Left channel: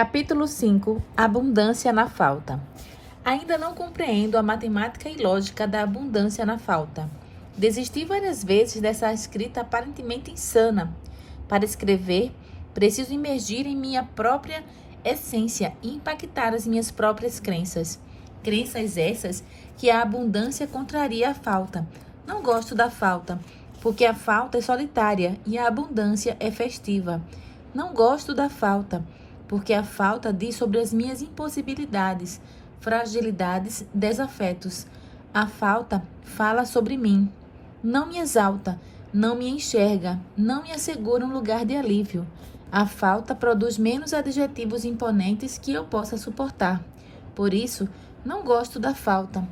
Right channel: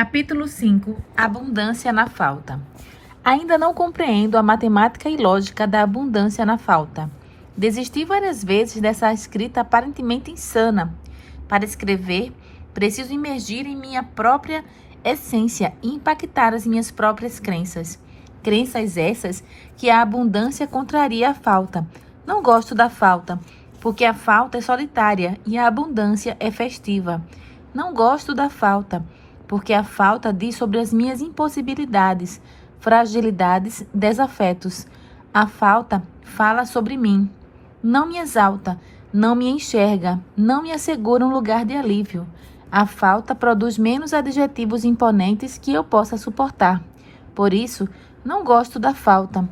Capítulo 5. Abundância na falta. Ainda não compreendo a matemática e lógica da abundância na falta. Desisti várias vezes dessa escrita aparentemente insana. Para escrever, preciso imergir em minha própria essência e impactar as minhas próprias crenças. Crenças essas que a abundância contraria a falta. Não gosto da falta, porque a falta é solitária e a abundância é festiva. Não gosto da falta, porque a falta diz sobre as minhas impossibilidades, fragilidades, desafetos. A falta fala sobre mim. Não me exalta, não me enxerga, não me assegura um lugar de alívio. A falta produz menos adjetivos imponentes que eu possa suportar. Por isso, não gosto da falta.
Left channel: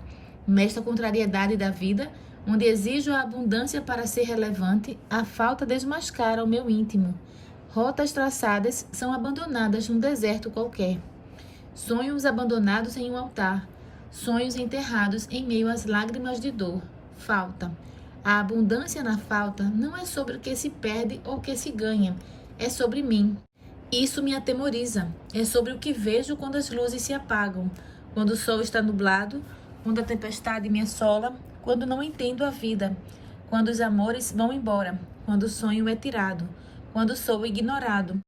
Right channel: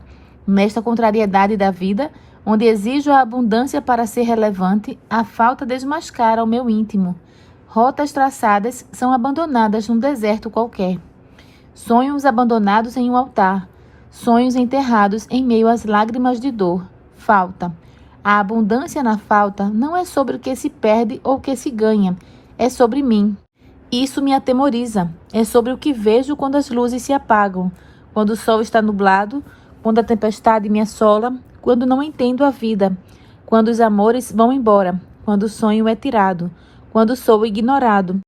Nesta contrariedade da vida, onde exijo a abundância para ser relevante, a falta desmascara o meu íntimo. Rotas traçadas são abandonadas num deserto qualquer. Sonhos abandonados em um altar. Sonhos enterrados em meio às lágrimas de dor. Falta. A abundância na falta não é sobre o que se perde ou o que se ganha. É sobre mim. Isso me atemoriza. É sobre o que vejo quando as luzes se apagam. Quando o sol está nublado. Quando a tempestade me assola. Quando não entendo a vida. Quando os amores vão embora. Quando o sonho é tirado. Quando sou ignorado,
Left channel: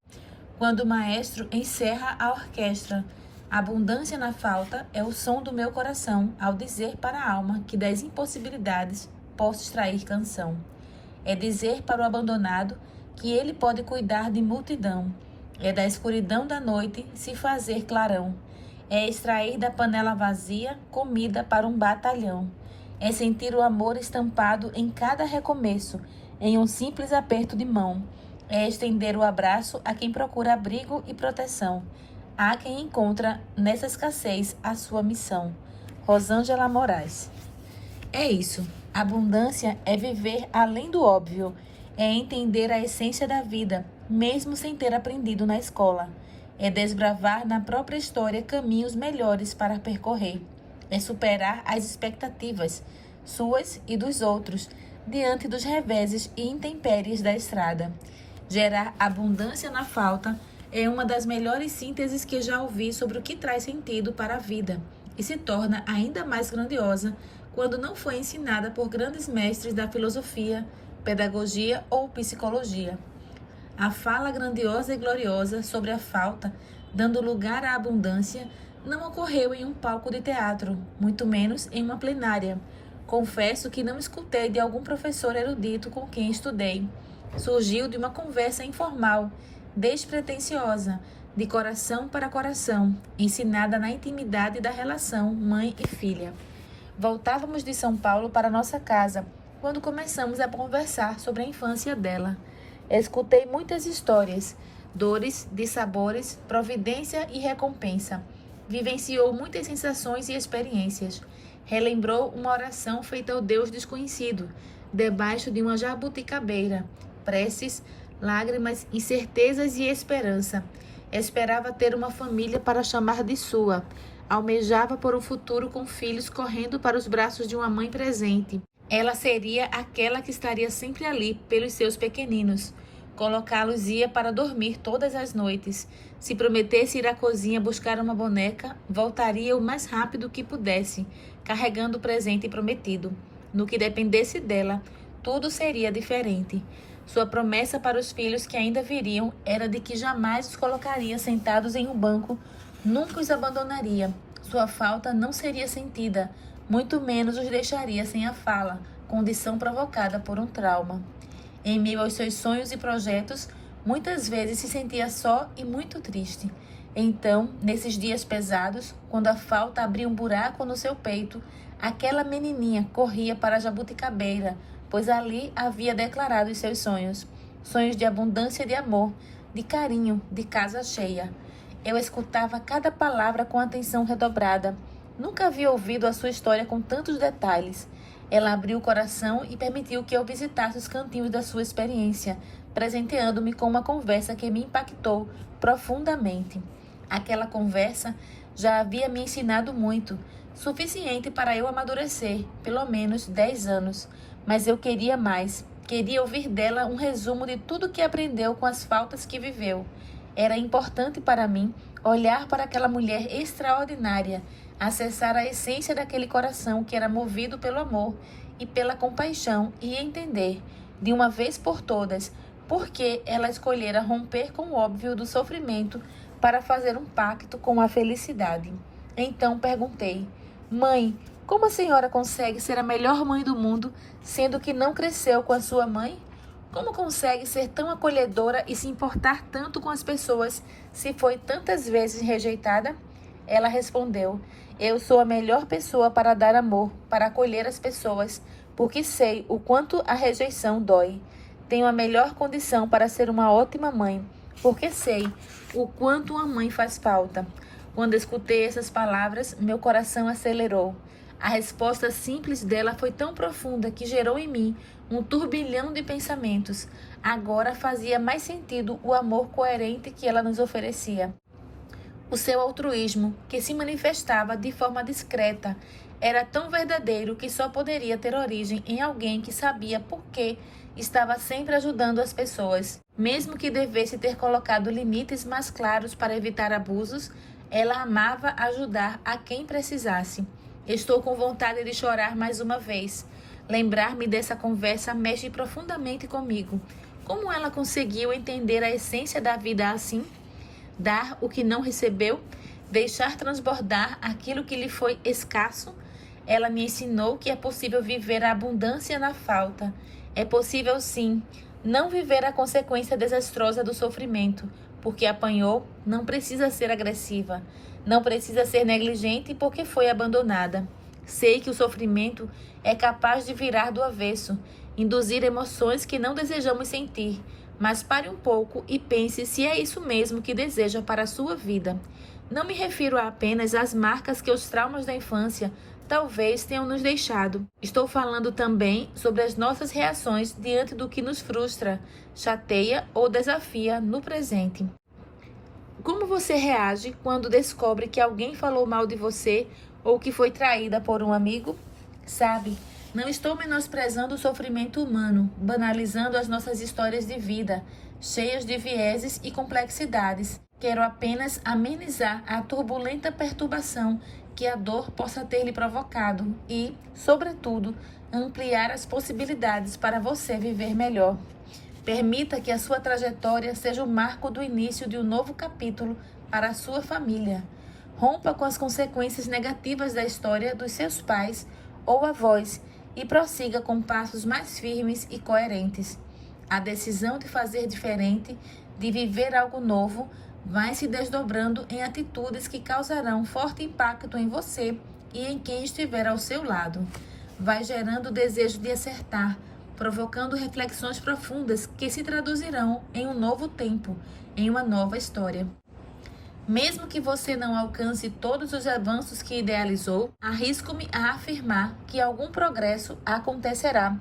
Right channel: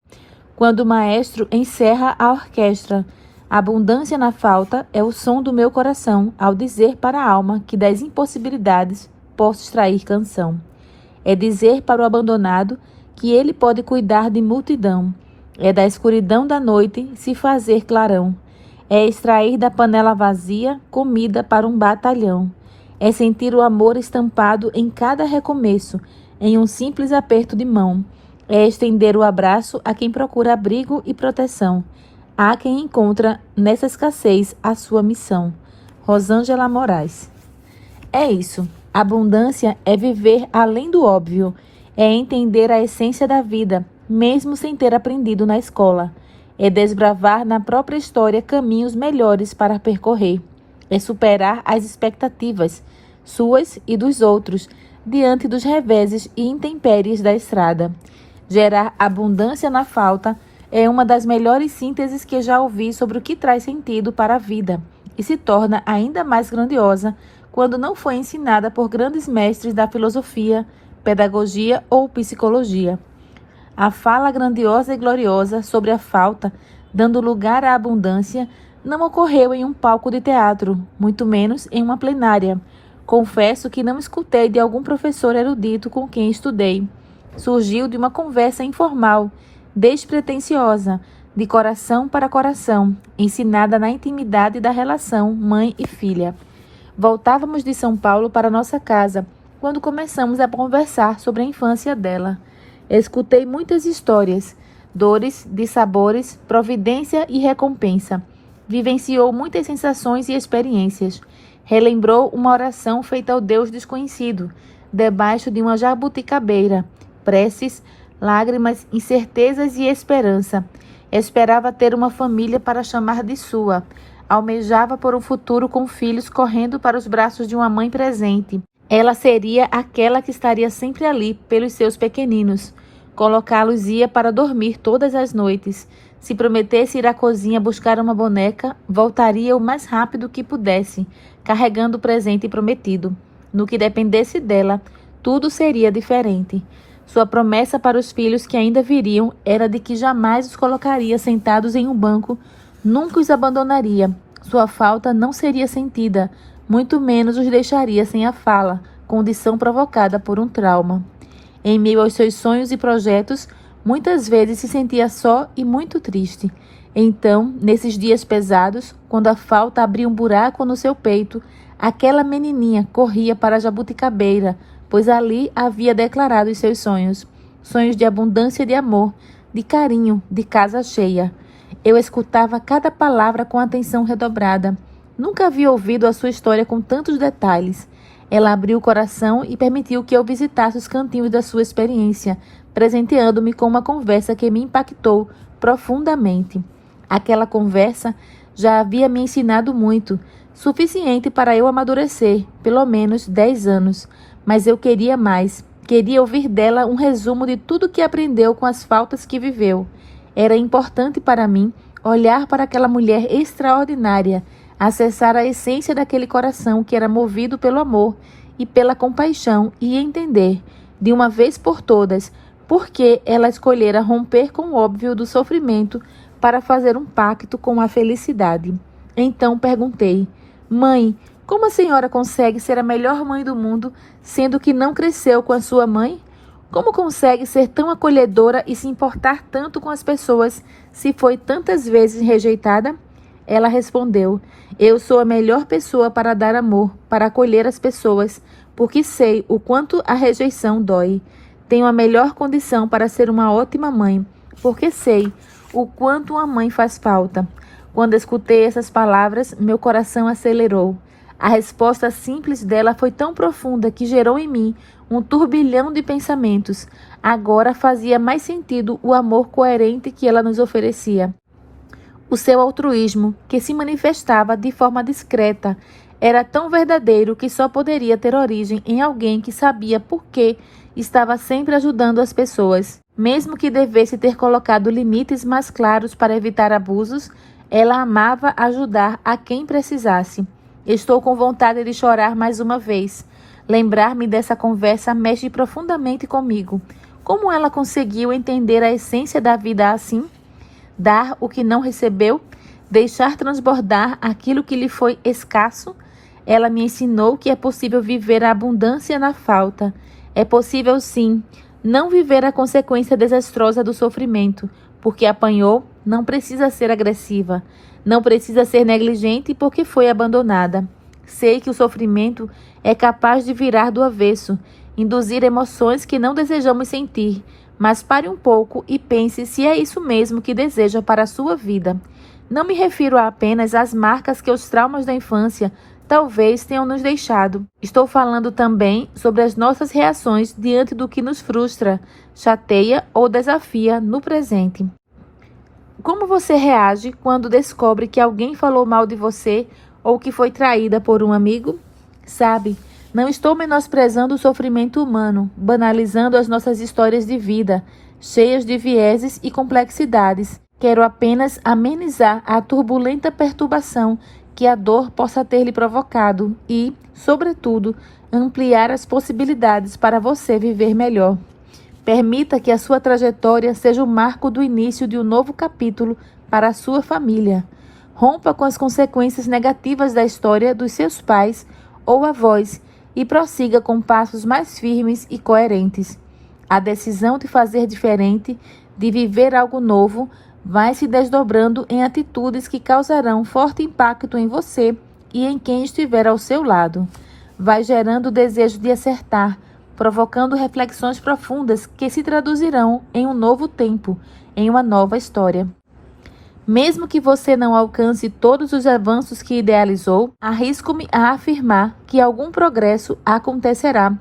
quando o maestro encerra a orquestra. A abundância na falta é o som do meu coração ao dizer para a alma que das impossibilidades posso extrair canção. É dizer para o abandonado que ele pode cuidar de multidão. É da escuridão da noite se fazer clarão. É extrair da panela vazia comida para um batalhão. É sentir o amor estampado em cada recomeço, em um simples aperto de mão. É estender o abraço a quem procura abrigo e proteção. Há quem encontra nessa escassez a sua missão. Rosângela Moraes. É isso. Abundância é viver além do óbvio. É entender a essência da vida, mesmo sem ter aprendido na escola. É desbravar na própria história caminhos melhores para percorrer. É superar as expectativas, suas e dos outros, diante dos reveses e intempéries da estrada. Gerar abundância na falta é uma das melhores sínteses que já ouvi sobre o que traz sentido para a vida e se torna ainda mais grandiosa quando não foi ensinada por grandes mestres da filosofia, pedagogia ou psicologia. A fala grandiosa e gloriosa sobre a falta, dando lugar à abundância, não ocorreu em um palco de teatro, muito menos em uma plenária. Confesso que não escutei de algum professor erudito com quem estudei. Surgiu de uma conversa informal, despretensiosa, de coração para coração, ensinada na intimidade da relação mãe e filha. Voltávamos de São Paulo para nossa casa, quando começamos a conversar sobre a infância dela. Escutei muitas histórias, dores, dissabores, providência e recompensa. Vivenciou muitas sensações e experiências. Relembrou uma oração feita ao Deus desconhecido, debaixo de uma jabuticabeira. Preces, lágrimas, incertezas e esperança. Esperava ter uma família para chamar de sua. Almejava por um futuro com filhos correndo para os braços de uma mãe presente. Ela seria aquela que estaria sempre ali pelos seus pequeninos. Colocá-los ia para dormir todas as noites. Se prometesse ir à cozinha buscar uma boneca, voltaria o mais rápido que pudesse, carregando o presente prometido. No que dependesse dela, tudo seria diferente. Sua promessa para os filhos que ainda viriam era de que jamais os colocaria sentados em um banco, nunca os abandonaria. Sua falta não seria sentida, muito menos os deixaria sem a fala, condição provocada por um trauma. Em meio aos seus sonhos e projetos, muitas vezes se sentia só e muito triste. Então, nesses dias pesados, quando a falta abria um buraco no seu peito, aquela menininha corria para a jabuticabeira, pois ali havia declarado os seus sonhos. Sonhos de abundância de amor, de carinho, de casa cheia. Eu escutava cada palavra com atenção redobrada. Nunca havia ouvido a sua história com tantos detalhes. Ela abriu o coração e permitiu que eu visitasse os cantinhos da sua experiência, presenteando-me com uma conversa que me impactou profundamente. Aquela conversa já havia me ensinado muito, suficiente para eu amadurecer, pelo menos 10 anos. Mas eu queria mais. Queria ouvir dela um resumo de tudo que aprendeu com as faltas que viveu. Era importante para mim olhar para aquela mulher extraordinária, acessar a essência daquele coração que era movido pelo amor e pela compaixão e entender, de uma vez por todas, por que ela escolhera romper com o óbvio do sofrimento para fazer um pacto com a felicidade. Então perguntei: mãe, como a senhora consegue ser a melhor mãe do mundo, sendo que não cresceu com a sua mãe? Como consegue ser tão acolhedora e se importar tanto com as pessoas, se foi tantas vezes rejeitada? Ela respondeu: eu sou a melhor pessoa para dar amor, para acolher as pessoas, porque sei o quanto a rejeição dói. Tenho a melhor condição para ser uma ótima mãe, porque sei o quanto uma mãe faz falta. Quando escutei essas palavras, meu coração acelerou. A resposta simples dela foi tão profunda que gerou em mim um turbilhão de pensamentos. Agora fazia mais sentido o amor coerente que ela nos oferecia. O seu altruísmo, que se manifestava de forma discreta, era tão verdadeiro que só poderia ter origem em alguém que sabia por que estava sempre ajudando as pessoas. Mesmo que devesse ter colocado limites mais claros para evitar abusos, ela amava ajudar a quem precisasse. Estou com vontade de chorar mais uma vez. Lembrar-me dessa conversa mexe profundamente comigo. Como ela conseguiu entender a essência da vida assim? Dar o que não recebeu? Deixar transbordar aquilo que lhe foi escasso? Ela me ensinou que é possível viver a abundância na falta. É possível, sim, não viver a consequência desastrosa do sofrimento. Porque apanhou, não precisa ser agressiva. Não precisa ser negligente porque foi abandonada. Sei que o sofrimento é capaz de virar do avesso, induzir emoções que não desejamos sentir. Mas pare um pouco e pense se é isso mesmo que deseja para a sua vida. Não me refiro apenas às marcas que os traumas da infância talvez tenham nos deixado. Estou falando também sobre as nossas reações diante do que nos frustra, chateia ou desafia no presente. Como você reage quando descobre que alguém falou mal de você ou que foi traída por um amigo? Sabe, não estou menosprezando o sofrimento humano, banalizando as nossas histórias de vida, cheias de vieses e complexidades. Quero apenas amenizar a turbulenta perturbação que a dor possa ter lhe provocado e, sobretudo, ampliar as possibilidades para você viver melhor. Permita que a sua trajetória seja o marco do início de um novo capítulo para a sua família. Rompa com as consequências negativas da história dos seus pais ou avós e prossiga com passos mais firmes e coerentes. A decisão de fazer diferente, de viver algo novo, vai se desdobrando em atitudes que causarão forte impacto em você e em quem estiver ao seu lado. Vai gerando o desejo de acertar, provocando reflexões profundas que se traduzirão em um novo tempo, em uma nova história. Mesmo que você não alcance todos os avanços que idealizou, arrisco-me a afirmar que algum progresso acontecerá.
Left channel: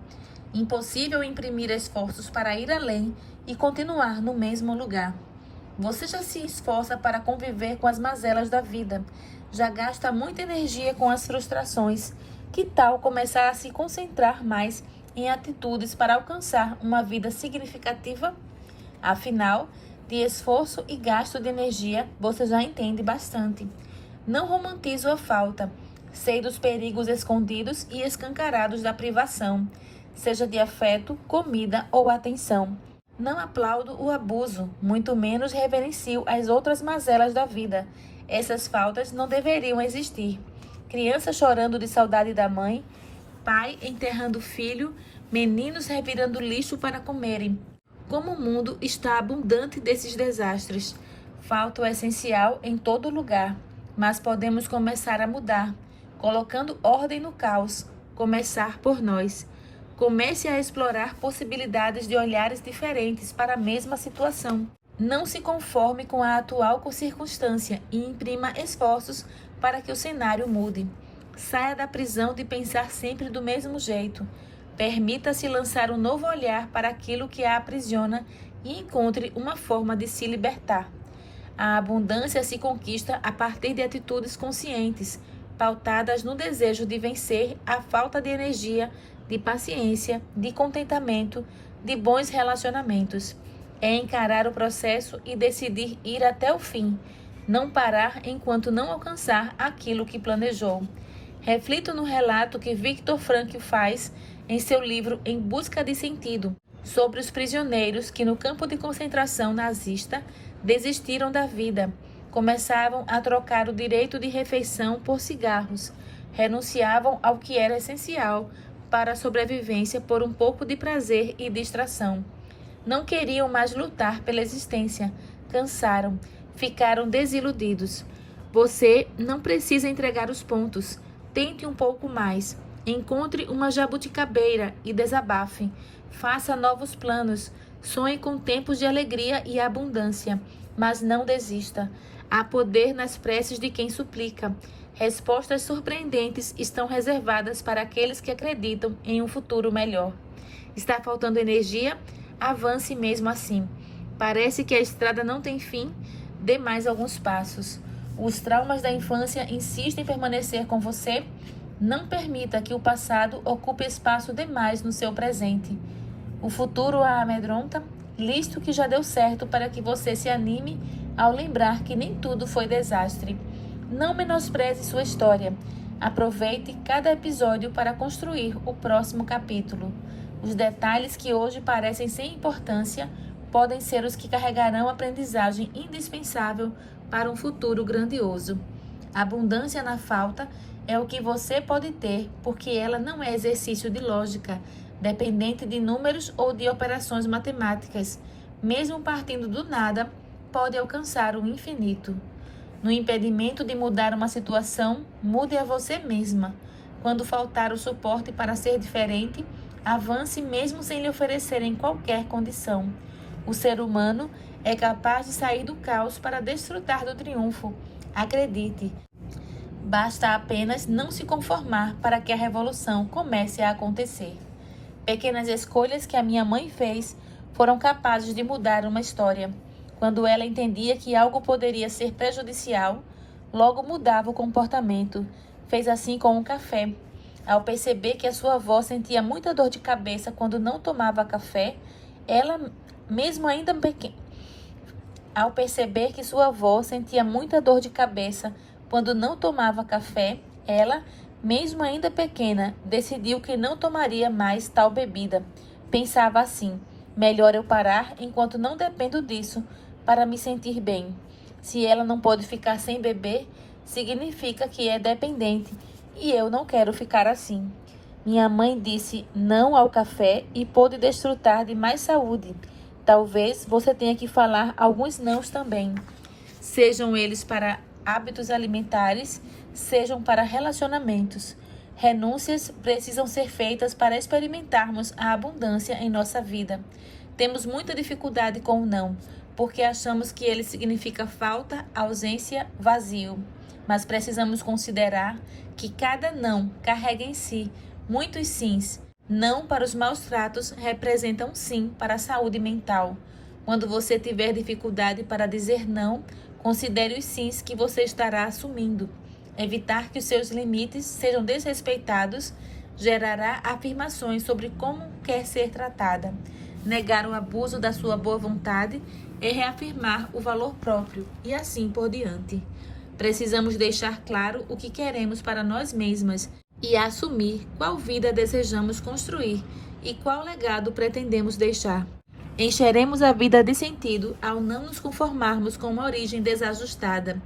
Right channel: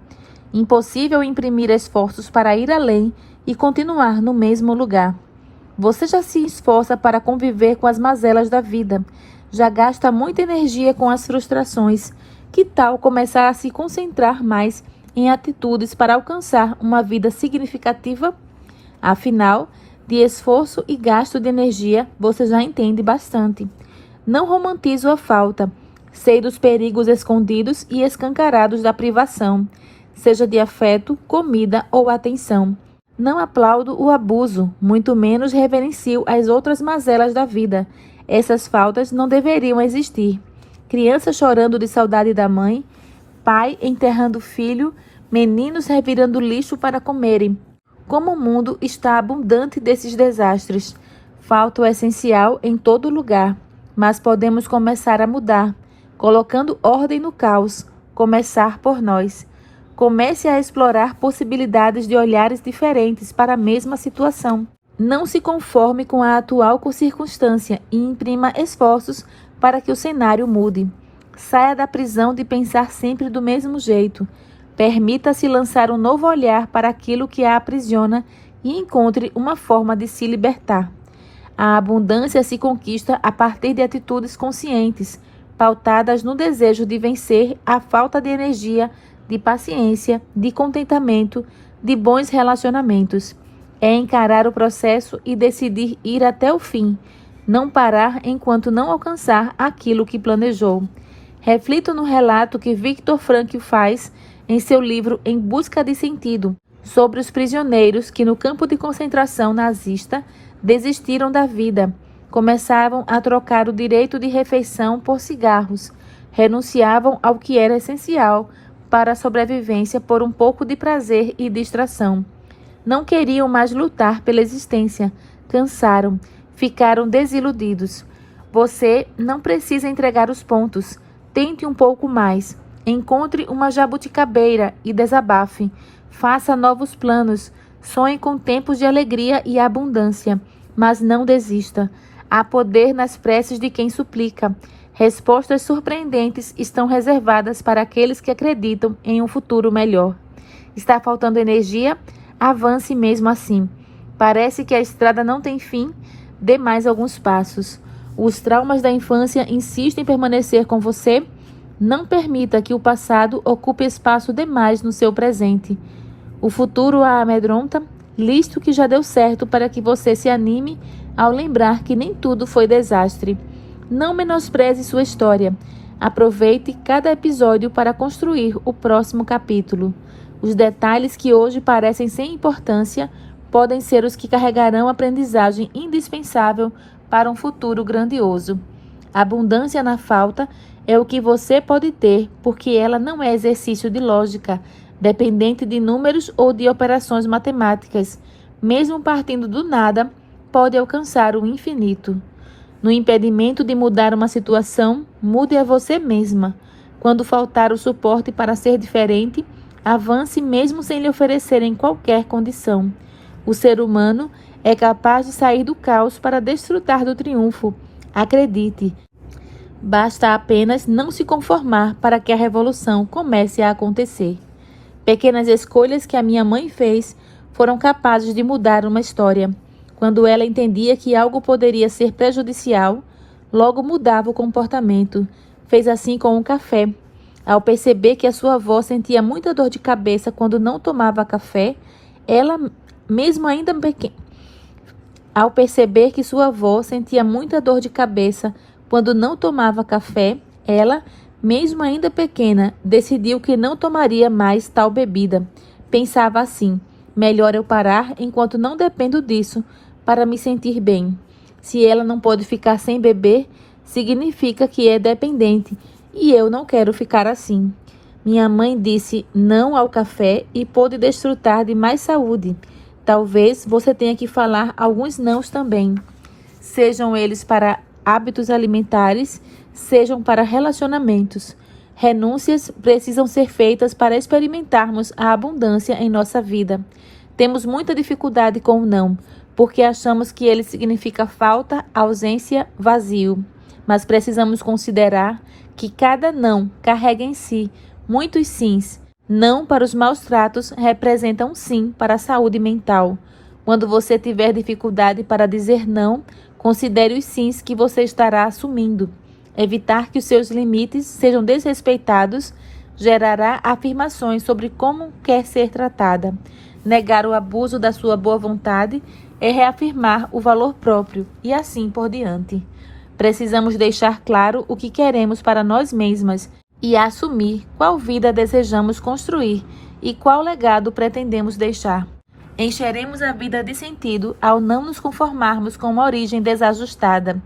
Impossível imprimir esforços para ir além e continuar no mesmo lugar. Você já se esforça para conviver com as mazelas da vida, já gasta muita energia com as frustrações. Que tal começar a se concentrar mais em atitudes para alcançar uma vida significativa? Afinal, de esforço e gasto de energia, você já entende bastante. Não romantizo a falta. Sei dos perigos escondidos e escancarados da privação, seja de afeto, comida ou atenção. Não aplaudo o abuso, muito menos reverencio as outras mazelas da vida. Essas faltas não deveriam existir. Criança chorando de saudade da mãe, pai enterrando filho, meninos revirando lixo para comerem. Como o mundo está abundante desses desastres. Falta o essencial em todo lugar, mas podemos começar a mudar, colocando ordem no caos, começar por nós. Comece a explorar possibilidades de olhares diferentes para a mesma situação. Não se conforme com a atual circunstância e imprima esforços para que o cenário mude. Saia da prisão de pensar sempre do mesmo jeito. Permita-se lançar um novo olhar para aquilo que a aprisiona e encontre uma forma de se libertar. A abundância se conquista a partir de atitudes conscientes, pautadas no desejo de vencer a falta de energia, de paciência, de contentamento, de bons relacionamentos. É encarar o processo e decidir ir até o fim, Não parar enquanto não alcançar aquilo que planejou. Reflita no relato que Viktor Frankl faz em seu livro Em Busca de Sentido, sobre os prisioneiros que no campo de concentração nazista desistiram da vida, começavam a trocar o direito de refeição por cigarros, renunciavam ao que era essencial para a sobrevivência por um pouco de prazer e distração. Não queriam mais lutar pela existência, cansaram, ficaram desiludidos. Você não precisa entregar os pontos, tente um pouco mais, encontre uma jabuticabeira e desabafe, faça novos planos, sonhe com tempos de alegria e abundância, mas não desista. Há poder nas preces de quem suplica. Respostas surpreendentes estão reservadas para aqueles que acreditam em um futuro melhor. Está faltando energia? Avance mesmo assim. Parece que a estrada não tem fim? Dê mais alguns passos. Os traumas da infância insistem em permanecer com você? Não permita que o passado ocupe espaço demais no seu presente. O futuro a amedronta? Liste o que já deu certo para que você se anime ao lembrar que nem tudo foi desastre. Não menospreze sua história. Aproveite cada episódio para construir o próximo capítulo. Os detalhes que hoje parecem sem importância podem ser os que carregarão aprendizagem indispensável para um futuro grandioso. Abundância na falta é o que você pode ter, porque ela não é exercício de lógica, dependente de números ou de operações matemáticas. Mesmo partindo do nada, pode alcançar o infinito. No impedimento de mudar uma situação, mude a você mesma. Quando faltar o suporte para ser diferente, avance mesmo sem lhe oferecerem qualquer condição. O ser humano é capaz de sair do caos para desfrutar do triunfo. Acredite. Basta apenas não se conformar para que a revolução comece a acontecer. Pequenas escolhas que a minha mãe fez foram capazes de mudar uma história. Quando ela entendia que algo poderia ser prejudicial, logo mudava o comportamento. Fez assim com o café. Ao perceber que a sua avó sentia muita dor de cabeça quando não tomava café, ela, mesmo ainda pequena, ao perceber que sua avó sentia muita dor de cabeça quando não tomava café, ela, mesmo ainda pequena, decidiu que não tomaria mais tal bebida. Pensava assim: melhor eu parar enquanto não dependo disso para me sentir bem. Se ela não pode ficar sem beber, significa que é dependente e eu não quero ficar assim. Minha mãe disse não ao café e pôde desfrutar de mais saúde. Talvez você tenha que falar alguns nãos também. Sejam eles para hábitos alimentares, sejam para relacionamentos. Renúncias precisam ser feitas para experimentarmos a abundância em nossa vida. Temos muita dificuldade com o não, porque achamos que ele significa falta, ausência, vazio. Mas precisamos considerar que cada não carrega em si muitos sims. Não para os maus tratos representa um sim para a saúde mental. Quando você tiver dificuldade para dizer não, considere os sims que você estará assumindo. Evitar que os seus limites sejam desrespeitados gerará afirmações sobre como quer ser tratada. Negar o abuso da sua boa vontade é reafirmar o valor próprio e assim por diante. Precisamos deixar claro o que queremos para nós mesmas e assumir qual vida desejamos construir e qual legado pretendemos deixar. Encheremos a vida de sentido ao não nos conformarmos com uma origem desajustada.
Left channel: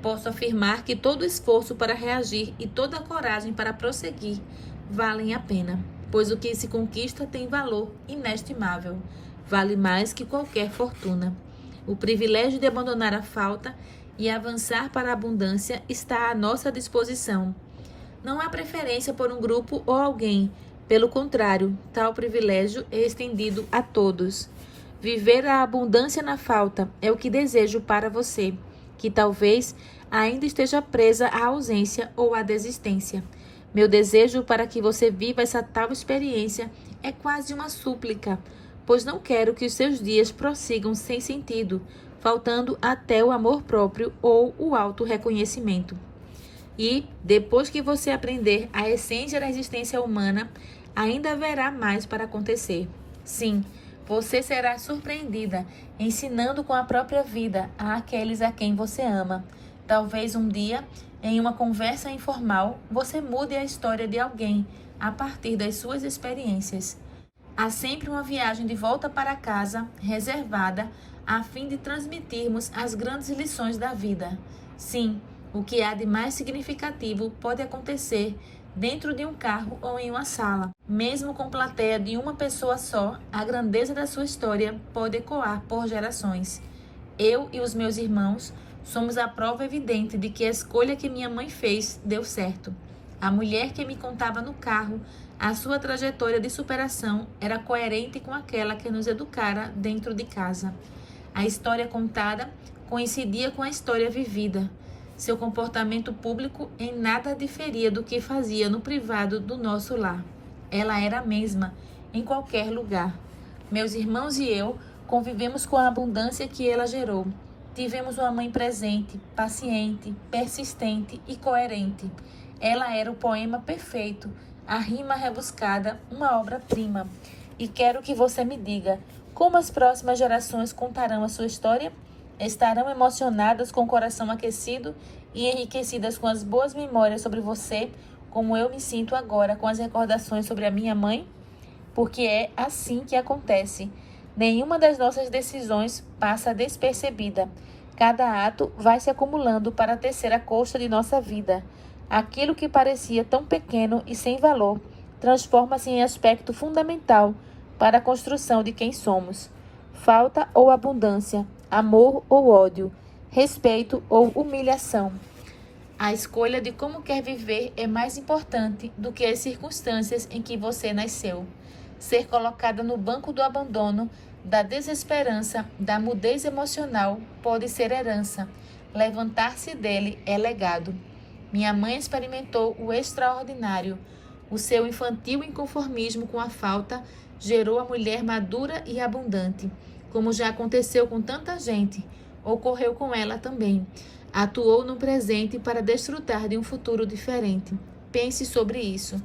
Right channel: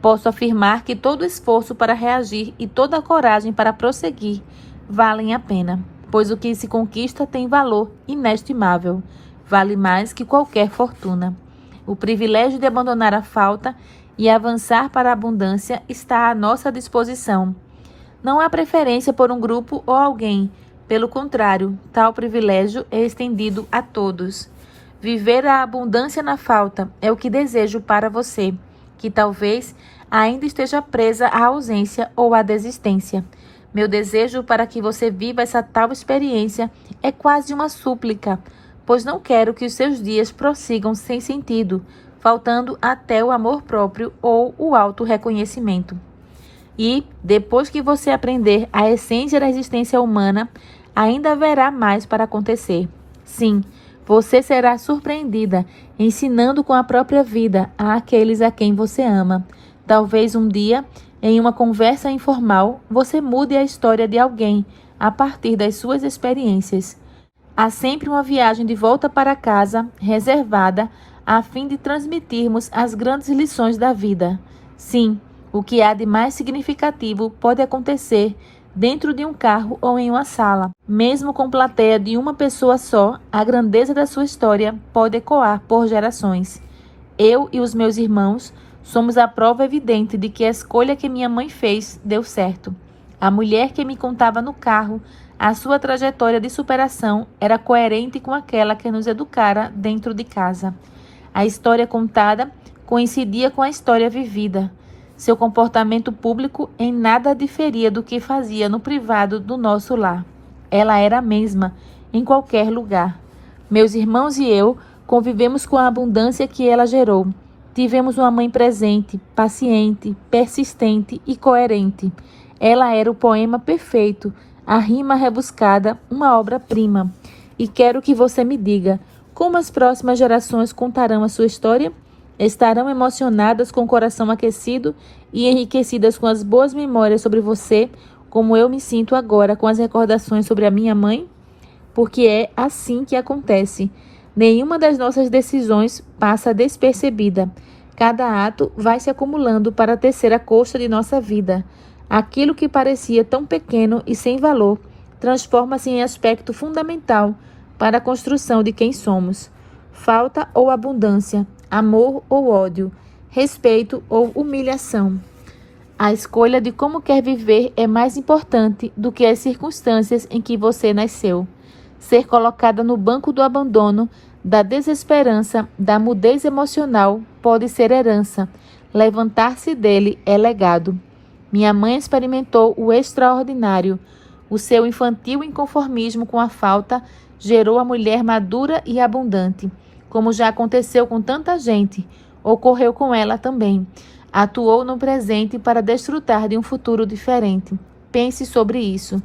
Posso afirmar que todo esforço para reagir e toda a coragem para prosseguir valem a pena, pois o que se conquista tem valor inestimável. Vale mais que qualquer fortuna. O privilégio de abandonar a falta e avançar para a abundância está à nossa disposição. Não há preferência por um grupo ou alguém. Pelo contrário, tal privilégio é estendido a todos. Viver a abundância na falta é o que desejo para você, que talvez ainda esteja presa à ausência ou à desistência. Meu desejo para que você viva essa tal experiência é quase uma súplica, pois não quero que os seus dias prossigam sem sentido, faltando até o amor próprio ou o auto-reconhecimento. E, depois que você aprender a essência da existência humana, ainda haverá mais para acontecer. Sim, Você será surpreendida, ensinando com a própria vida àqueles a quem você ama. Talvez um dia, em uma conversa informal, você mude a história de alguém a partir das suas experiências. Há sempre uma viagem de volta para casa reservada a fim de transmitirmos as grandes lições da vida. Sim, o que há de mais significativo pode acontecer dentro de um carro ou em uma sala. Mesmo com plateia de uma pessoa só, a grandeza da sua história pode ecoar por gerações. Eu e os meus irmãos somos a prova evidente de que a escolha que minha mãe fez deu certo. A mulher que me contava no carro a sua trajetória de superação era coerente com aquela que nos educara dentro de casa. A história contada coincidia com a história vivida. Seu comportamento público em nada diferia do que fazia no privado do nosso lar. Ela era a mesma, em qualquer lugar. Meus irmãos e eu convivemos com a abundância que ela gerou. Tivemos uma mãe presente, paciente, persistente e coerente. Ela era o poema perfeito, a rima rebuscada, uma obra-prima. E quero que você me diga, como as próximas gerações contarão a sua história? Estarão emocionadas com o coração aquecido e enriquecidas com as boas memórias sobre você, como eu me sinto agora com as recordações sobre a minha mãe? Porque é assim que acontece. Nenhuma das nossas decisões passa despercebida. Cada ato vai se acumulando para tecer a coxa de nossa vida. Aquilo que parecia tão pequeno e sem valor transforma-se em aspecto fundamental para a construção de quem somos. Falta ou abundância, amor ou ódio, respeito ou humilhação. A escolha de como quer viver é mais importante do que as circunstâncias em que você nasceu. Ser colocada no banco do abandono, da desesperança, da mudez emocional pode ser herança. Levantar-se dele é legado. Minha mãe experimentou o extraordinário. O seu infantil inconformismo com a falta gerou a mulher madura e abundante. Como já aconteceu com tanta gente, ocorreu com ela também. Atuou no presente para desfrutar de um futuro diferente. Pense sobre isso.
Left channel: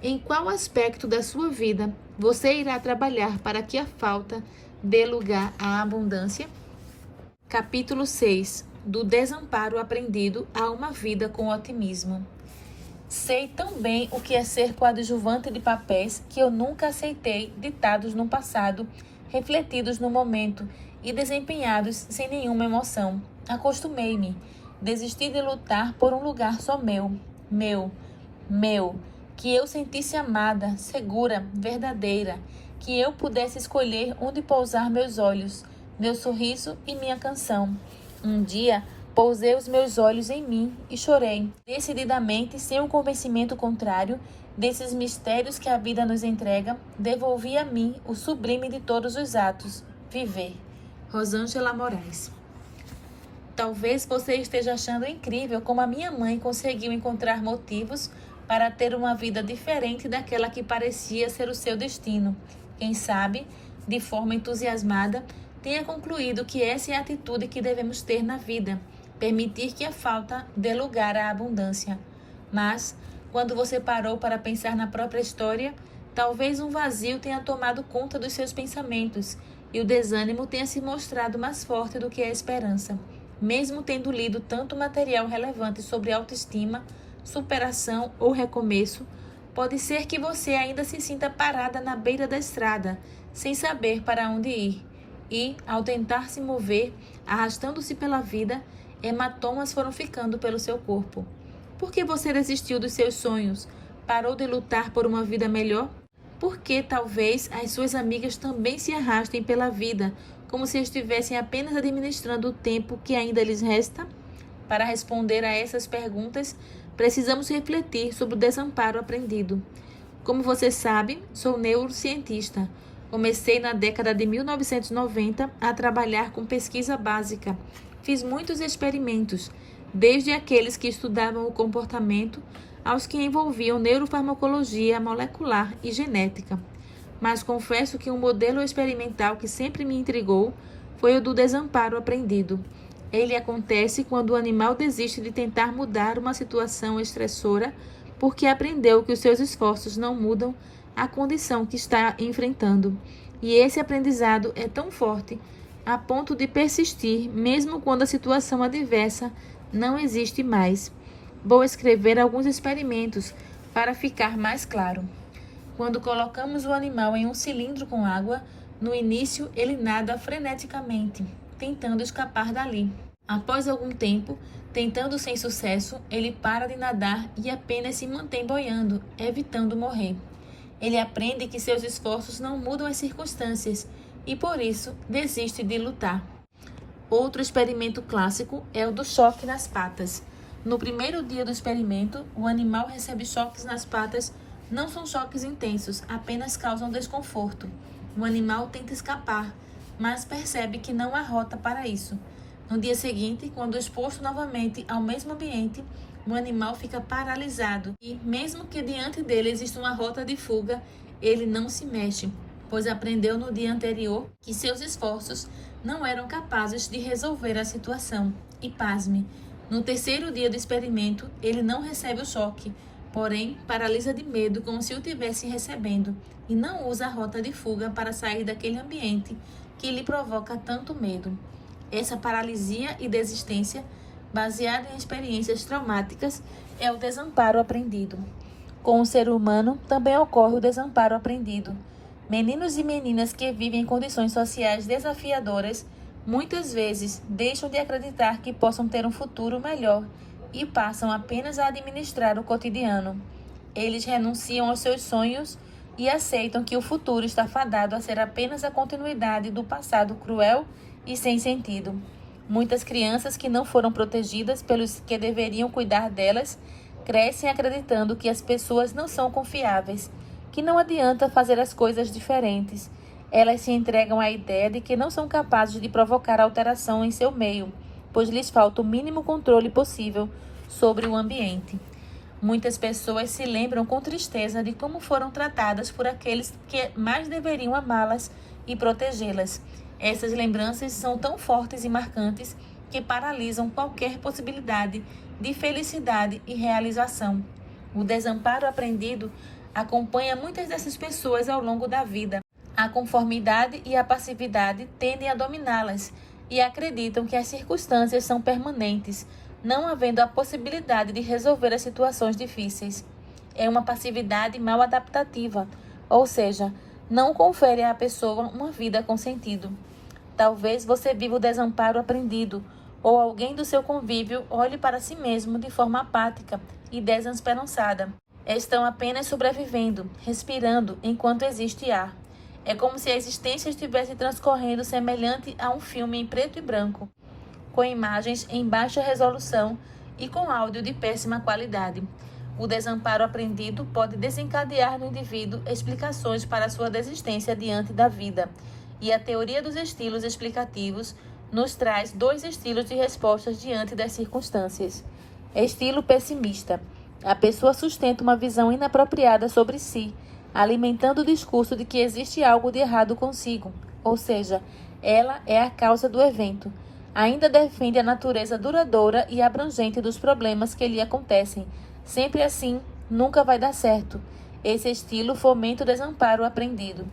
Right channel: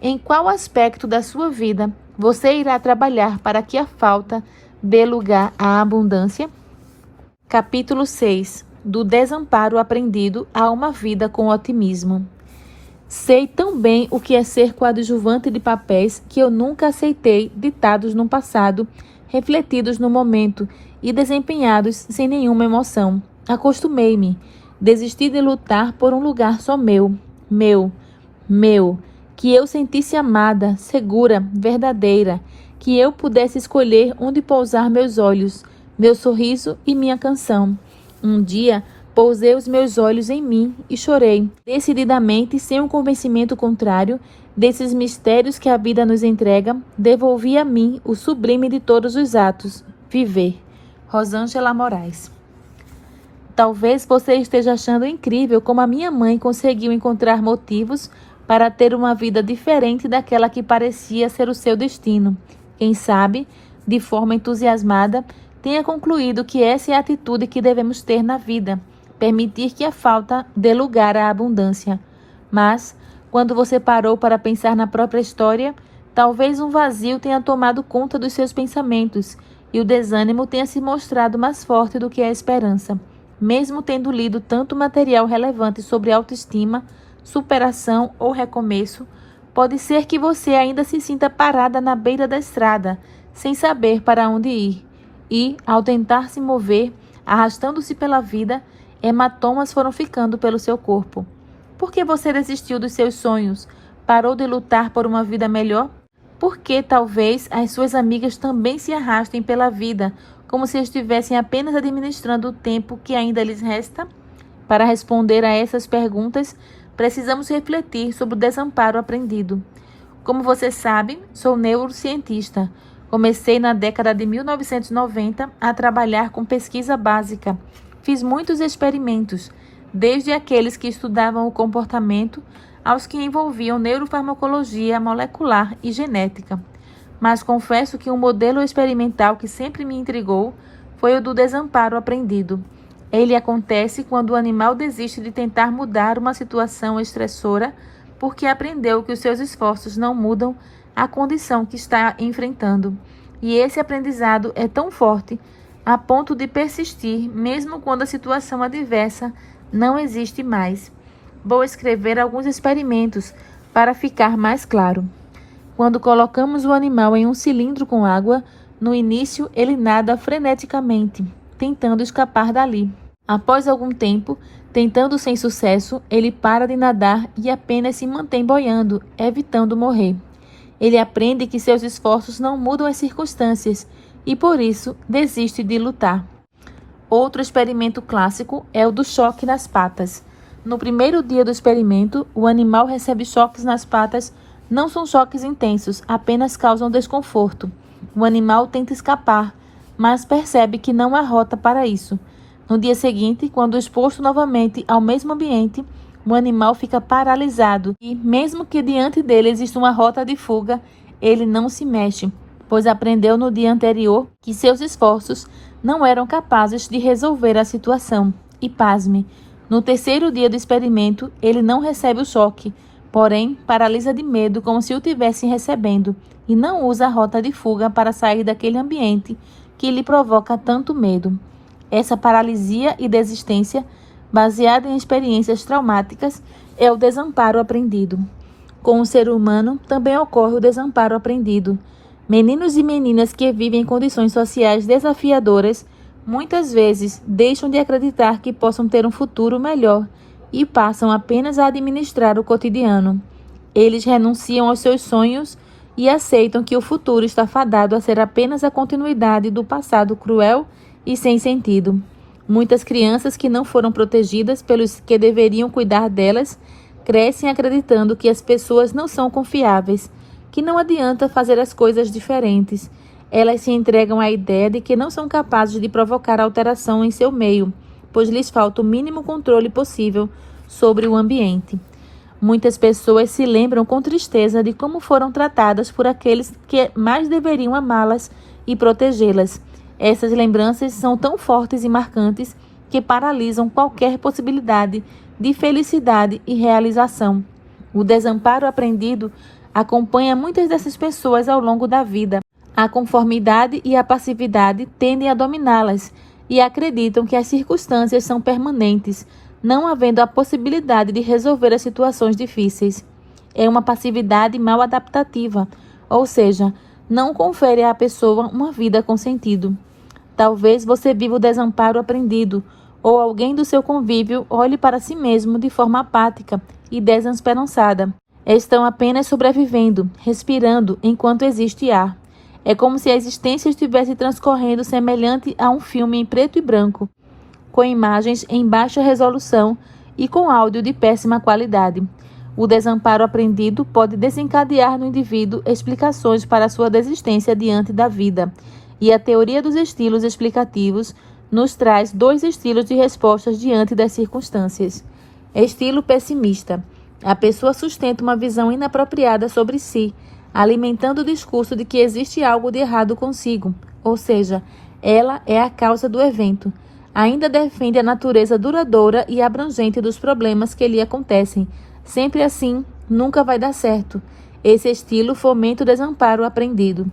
Em qual aspecto da sua vida você irá trabalhar para que a falta dê lugar à abundância? Capítulo 6. Do desamparo aprendido a uma vida com otimismo. Sei tão bem o que é ser coadjuvante de papéis que eu nunca aceitei ditados no passado, refletidos no momento e desempenhados sem nenhuma emoção. Acostumei-me. Desisti de lutar por um lugar só meu. Que eu sentisse amada, segura, verdadeira. Que eu pudesse escolher onde pousar meus olhos, meu sorriso e minha canção. Um dia, pousei os meus olhos em mim e chorei, decididamente, sem um convencimento contrário, desses mistérios que a vida nos entrega, devolvi a mim o sublime de todos os atos, viver. Rosângela Moraes. Talvez você esteja achando incrível como a minha mãe conseguiu encontrar motivos para ter uma vida diferente daquela que parecia ser o seu destino. Quem sabe, de forma entusiasmada, tenha concluído que essa é a atitude que devemos ter na vida, permitir que a falta dê lugar à abundância. Mas, quando você parou para pensar na própria história, talvez um vazio tenha tomado conta dos seus pensamentos e o desânimo tenha se mostrado mais forte do que a esperança. Mesmo tendo lido tanto material relevante sobre autoestima, superação ou recomeço, pode ser que você ainda se sinta parada na beira da estrada, sem saber para onde ir. E, ao tentar se mover, arrastando-se pela vida, hematomas foram ficando pelo seu corpo. Por que você desistiu dos seus sonhos? Parou de lutar por uma vida melhor? Por que talvez as suas amigas também se arrastem pela vida, como se estivessem apenas administrando o tempo que ainda lhes resta? Para responder a essas perguntas, precisamos refletir sobre o desamparo aprendido. Como você sabe, sou neurocientista. Comecei na década de 1990 a trabalhar com pesquisa básica. Fiz muitos experimentos, desde aqueles que estudavam o comportamento aos que envolviam neurofarmacologia molecular e genética. Mas confesso que um modelo experimental que sempre me intrigou foi o do desamparo aprendido. Ele acontece quando o animal desiste de tentar mudar uma situação estressora porque aprendeu que os seus esforços não mudam a condição que está enfrentando. E esse aprendizado é tão forte a ponto de persistir mesmo quando a situação adversa não existe mais. Vou escrever alguns experimentos para ficar mais claro. Quando colocamos o animal em um cilindro com água, no início ele nada freneticamente, tentando escapar dali. Após algum tempo, tentando sem sucesso, ele para de nadar e apenas se mantém boiando, evitando morrer. Ele aprende que seus esforços não mudam as circunstâncias e, por isso, desiste de lutar. Outro experimento clássico é o do choque nas patas. No primeiro dia do experimento, o animal recebe choques nas patas. Não são choques intensos, apenas causam desconforto. O animal tenta escapar, mas percebe que não há rota para isso. No dia seguinte, quando exposto novamente ao mesmo ambiente, o animal fica paralisado e, mesmo que diante dele exista uma rota de fuga, ele não se mexe, pois aprendeu no dia anterior que seus esforços não eram capazes de resolver a situação. E pasme, no terceiro dia do experimento, ele não recebe o choque, porém paralisa de medo como se o tivesse recebendo e não usa a rota de fuga para sair daquele ambiente que lhe provoca tanto medo. Essa paralisia e desistência, baseada em experiências traumáticas, é o desamparo aprendido. Com o ser humano também ocorre o desamparo aprendido. Meninos e meninas que vivem em condições sociais desafiadoras muitas vezes deixam de acreditar que possam ter um futuro melhor e passam apenas a administrar o cotidiano. Eles renunciam aos seus sonhos e aceitam que o futuro está fadado a ser apenas a continuidade do passado cruel e sem sentido. Muitas crianças que não foram protegidas pelos que deveriam cuidar delas crescem acreditando que as pessoas não são confiáveis, que não adianta fazer as coisas diferentes. Elas se entregam à ideia de que não são capazes de provocar alteração em seu meio, pois lhes falta o mínimo controle possível sobre o ambiente. Muitas pessoas se lembram com tristeza de como foram tratadas por aqueles que mais deveriam amá-las e protegê-las. Essas lembranças são tão fortes e marcantes que paralisam qualquer possibilidade de felicidade e realização. O desamparo aprendido acompanha muitas dessas pessoas ao longo da vida. A conformidade e a passividade tendem a dominá-las e acreditam que as circunstâncias são permanentes, não havendo a possibilidade de resolver as situações difíceis. É uma passividade mal adaptativa, ou seja, não confere à pessoa uma vida com sentido. Talvez você viva o desamparo aprendido, ou alguém do seu convívio olhe para si mesmo de forma apática e desesperançada. Estão apenas sobrevivendo, respirando enquanto existe ar. É como se a existência estivesse transcorrendo semelhante a um filme em preto e branco, com imagens em baixa resolução e com áudio de péssima qualidade. O desamparo aprendido pode desencadear no indivíduo explicações para sua desistência diante da vida, e a teoria dos estilos explicativos nos traz 2 estilos de respostas diante das circunstâncias. Estilo pessimista. A pessoa sustenta uma visão inapropriada sobre si, alimentando o discurso de que existe algo de errado consigo, ou seja, ela é a causa do evento. Ainda defende a natureza duradoura e abrangente dos problemas que lhe acontecem. Sempre assim, nunca vai dar certo. Esse estilo fomenta o desamparo aprendido.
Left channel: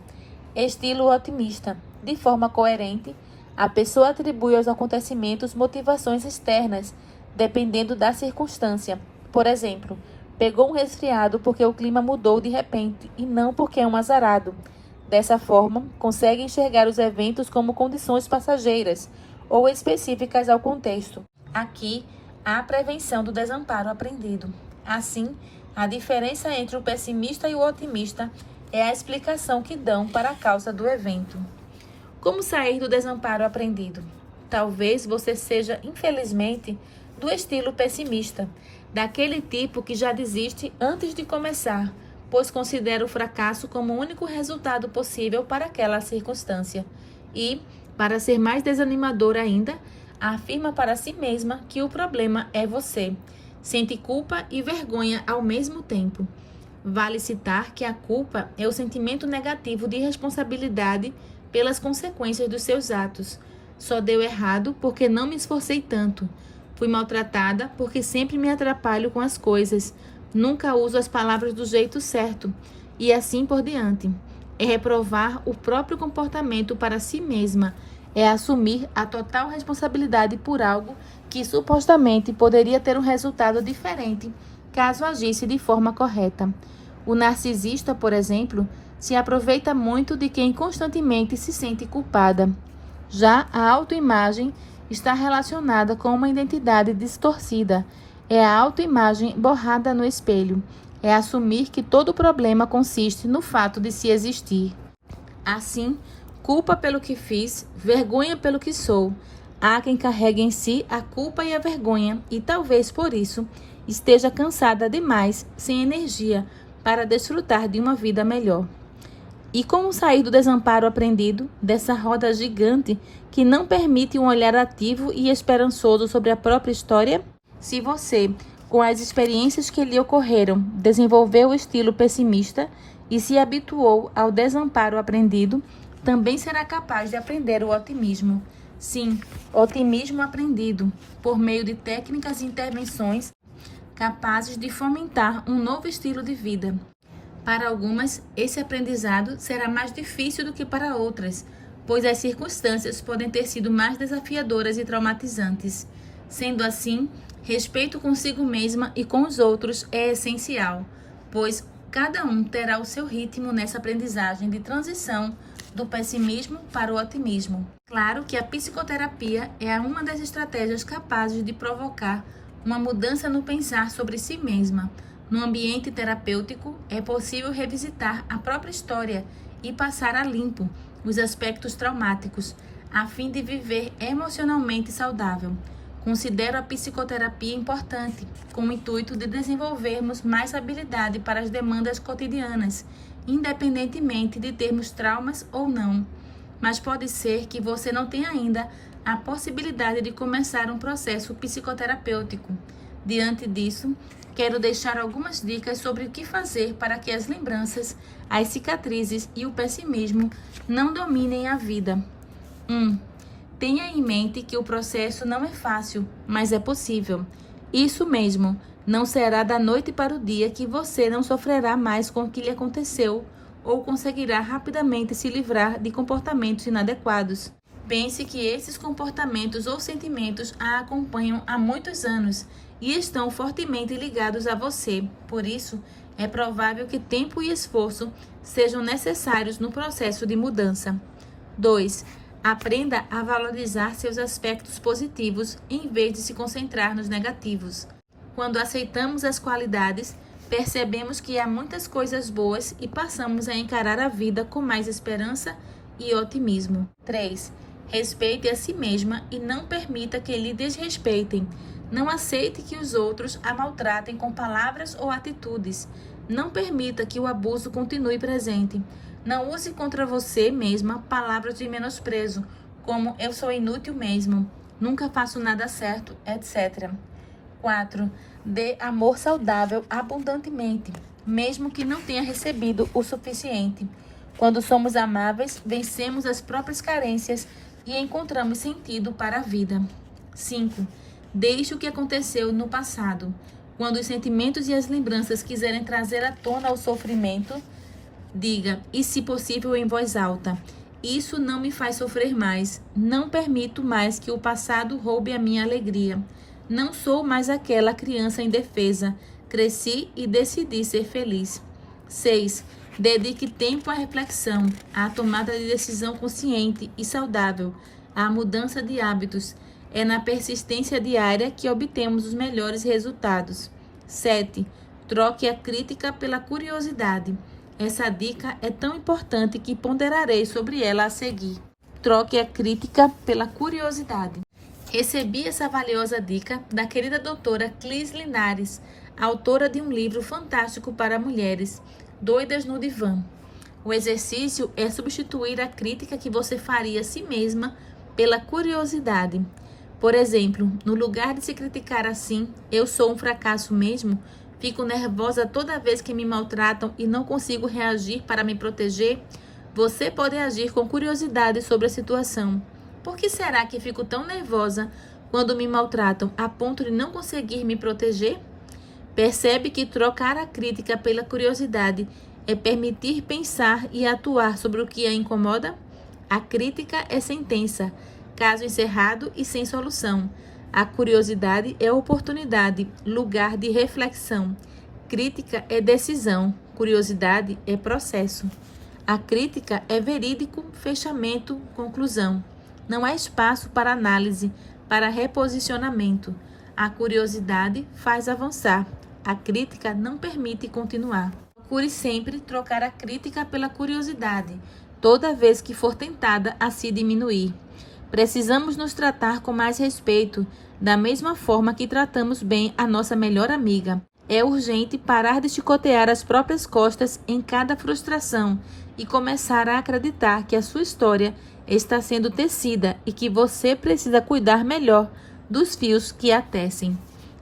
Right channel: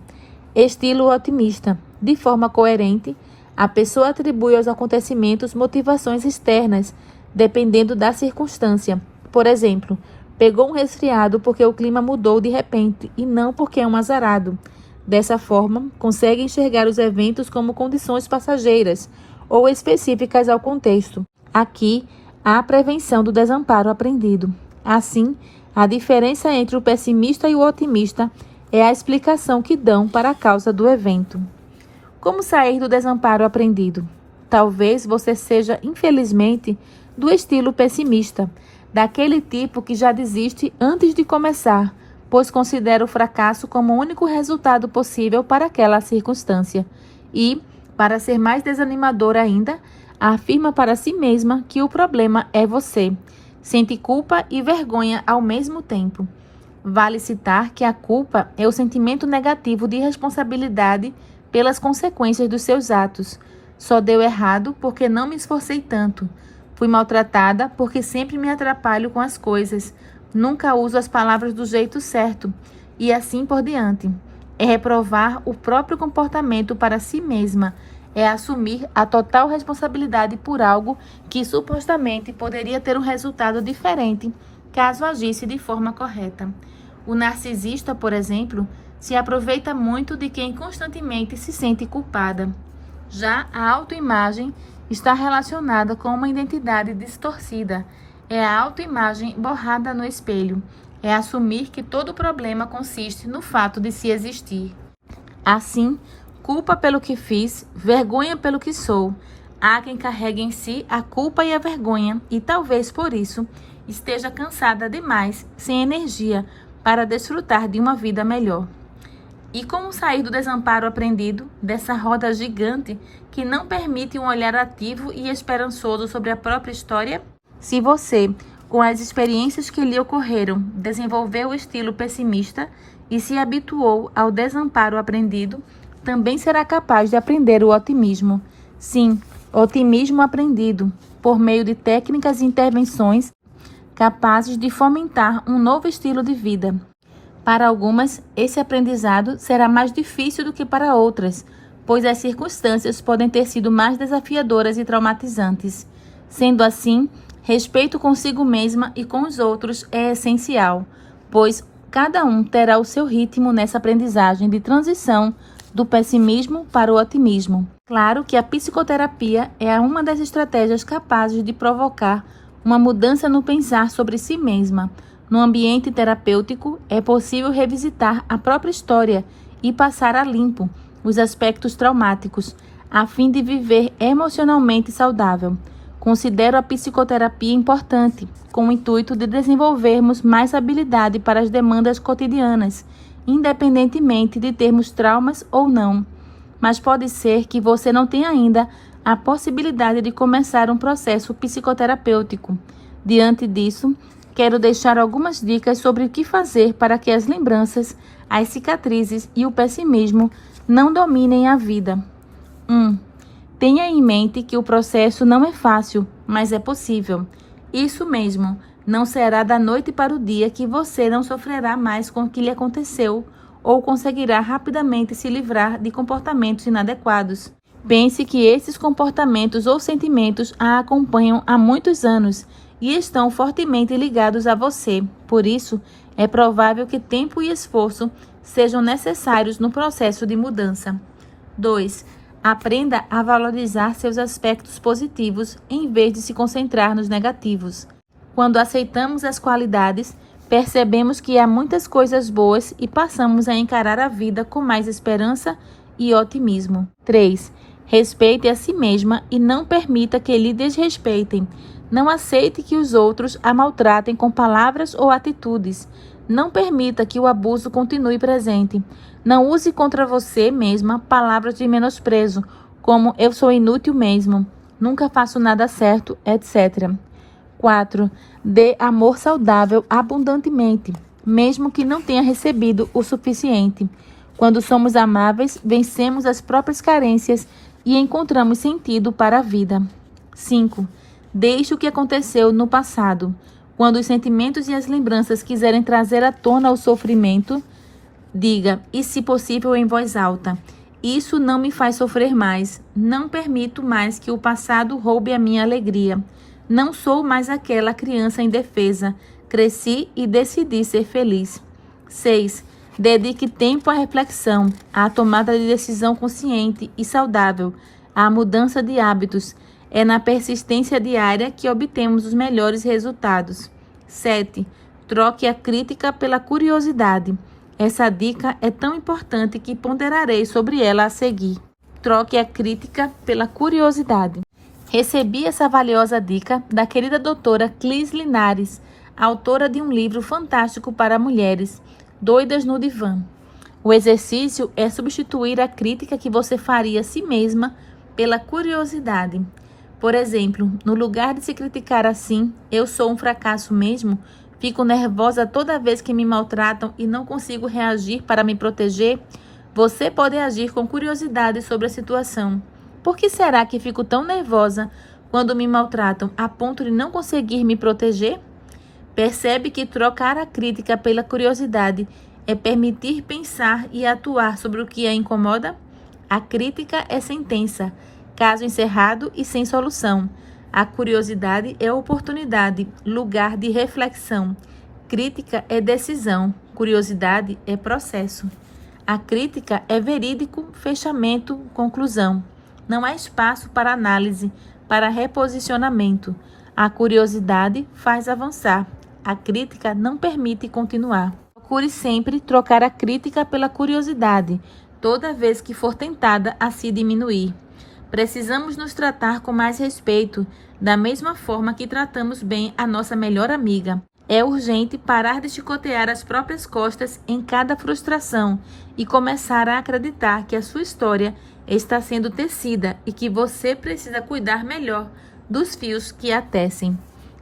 Estilo otimista. De forma coerente, a pessoa atribui aos acontecimentos motivações externas, dependendo da circunstância. Por exemplo, pegou um resfriado porque o clima mudou de repente e não porque é um azarado. Dessa forma, consegue enxergar os eventos como condições passageiras ou específicas ao contexto. Aqui, há a prevenção do desamparo aprendido. Assim, a diferença entre o pessimista e o otimista é a explicação que dão para a causa do evento. Como sair do desamparo aprendido? Talvez você seja, infelizmente, do estilo pessimista, daquele tipo que já desiste antes de começar, pois considera o fracasso como o único resultado possível para aquela circunstância. E, para ser mais desanimador ainda, afirma para si mesma que o problema é você. Sente culpa e vergonha ao mesmo tempo. Vale citar que a culpa é o sentimento negativo de responsabilidade pelas consequências dos seus atos. Só deu errado porque não me esforcei tanto. Fui maltratada porque sempre me atrapalho com as coisas. Nunca uso as palavras do jeito certo. E assim por diante. é reprovar o próprio comportamento para si mesma, é assumir a total responsabilidade por algo que supostamente poderia ter um resultado diferente caso agisse de forma correta. O narcisista, por exemplo, se aproveita muito de quem constantemente se sente culpada. Já a autoimagem está relacionada com uma identidade distorcida. É a autoimagem borrada no espelho. É assumir que todo problema consiste no fato de se existir. Assim, culpa pelo que fiz, vergonha pelo que sou. Há quem carregue em si a culpa e a vergonha e talvez por isso esteja cansada demais, sem energia, para desfrutar de uma vida melhor. E como sair do desamparo aprendido, dessa roda gigante que não permite um olhar ativo e esperançoso sobre a própria história? Se você, com as experiências que lhe ocorreram, desenvolveu o estilo pessimista e se habituou ao desamparo aprendido, também será capaz de aprender o otimismo. Sim, otimismo aprendido, por meio de técnicas e intervenções capazes de fomentar um novo estilo de vida. Para algumas, esse aprendizado será mais difícil do que para outras, pois as circunstâncias podem ter sido mais desafiadoras e traumatizantes. Sendo assim, respeito consigo mesma e com os outros é essencial, pois cada um terá o seu ritmo nessa aprendizagem de transição do pessimismo para o otimismo. Claro que a psicoterapia é uma das estratégias capazes de provocar uma mudança no pensar sobre si mesma. No ambiente terapêutico, é possível revisitar a própria história e passar a limpo os aspectos traumáticos, a fim de viver emocionalmente saudável. Considero a psicoterapia importante, com o intuito de desenvolvermos mais habilidade para as demandas cotidianas, independentemente de termos traumas ou não. Mas pode ser que você não tenha ainda a possibilidade de começar um processo psicoterapêutico. Diante disso, quero deixar algumas dicas sobre o que fazer para que as lembranças, as cicatrizes e o pessimismo não dominem a vida. 1. Tenha em mente que o processo não é fácil, mas é possível. Isso mesmo, não será da noite para o dia que você não sofrerá mais com o que lhe aconteceu ou conseguirá rapidamente se livrar de comportamentos inadequados. Pense que esses comportamentos ou sentimentos a acompanham há muitos anos e estão fortemente ligados a você. Por isso, é provável que tempo e esforço sejam necessários no processo de mudança. 2. Aprenda a valorizar seus aspectos positivos em vez de se concentrar nos negativos. Quando aceitamos as qualidades, percebemos que há muitas coisas boas e passamos a encarar a vida com mais esperança e otimismo. 3. Respeite a si mesma e não permita que lhe desrespeitem. Não aceite que os outros a maltratem com palavras ou atitudes. Não permita que o abuso continue presente. Não use contra você mesma palavras de menosprezo, como eu sou inútil mesmo, nunca faço nada certo, etc. 4. Dê amor saudável abundantemente, mesmo que não tenha recebido o suficiente. Quando somos amáveis, vencemos as próprias carências e encontramos sentido para a vida. 5. Deixe o que aconteceu no passado. Quando os sentimentos e as lembranças quiserem trazer à tona o sofrimento, diga, e se possível em voz alta, isso não me faz sofrer mais. Não permito mais que o passado roube a minha alegria. Não sou mais aquela criança indefesa. Cresci e decidi ser feliz. 6. Dedique tempo à reflexão, à tomada de decisão consciente e saudável, à mudança de hábitos. É na persistência diária que obtemos os melhores resultados. 7. Troque a crítica pela curiosidade. Essa dica é tão importante que ponderarei sobre ela a seguir. Troque a crítica pela curiosidade. Recebi essa valiosa dica da querida doutora Clis Linares, autora de um livro fantástico para mulheres, Doidas no Divã. O exercício é substituir a crítica que você faria a si mesma pela curiosidade. Por exemplo, no lugar de se criticar assim, eu sou um fracasso mesmo, fico nervosa toda vez que me maltratam e não consigo reagir para me proteger, você pode agir com curiosidade sobre a situação. Por que será que fico tão nervosa quando me maltratam a ponto de não conseguir me proteger? Percebe que trocar a crítica pela curiosidade é permitir pensar e atuar sobre o que a incomoda? A crítica é sentença, caso encerrado e sem solução. A curiosidade é oportunidade, lugar de reflexão. Crítica é decisão, curiosidade é processo. A crítica é verídico, fechamento, conclusão. Não há espaço para análise, para reposicionamento. A curiosidade faz avançar. A crítica não permite continuar. Procure sempre trocar a crítica pela curiosidade, toda vez que for tentada a se diminuir. Precisamos nos tratar com mais respeito, da mesma forma que tratamos bem a nossa melhor amiga. É urgente parar de chicotear as próprias costas em cada frustração e começar a acreditar que a sua história está sendo tecida e que você precisa cuidar melhor dos fios que a tecem.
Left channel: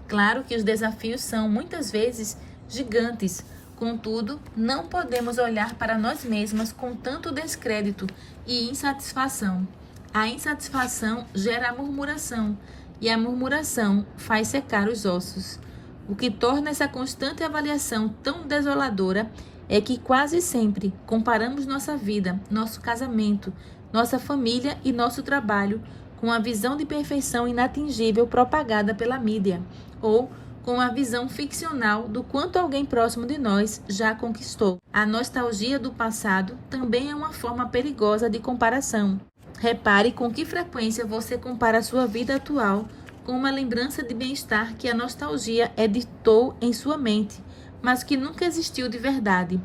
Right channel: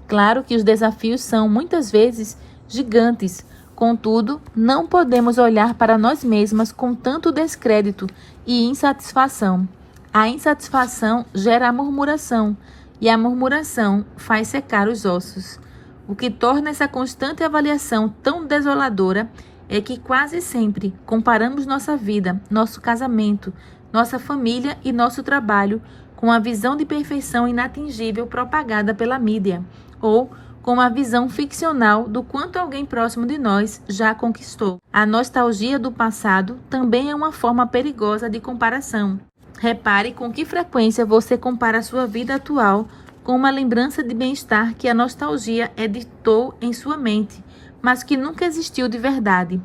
Claro que os desafios são, muitas vezes, gigantes. Contudo, não podemos olhar para nós mesmas com tanto descrédito e insatisfação. A insatisfação gera a murmuração, e a murmuração faz secar os ossos. O que torna essa constante avaliação tão desoladora é que quase sempre comparamos nossa vida, nosso casamento, nossa família e nosso trabalho com a visão de perfeição inatingível propagada pela mídia, ou com a visão ficcional do quanto alguém próximo de nós já conquistou. A nostalgia do passado também é uma forma perigosa de comparação. Repare com que frequência você compara a sua vida atual com uma lembrança de bem-estar que a nostalgia editou em sua mente, mas que nunca existiu de verdade.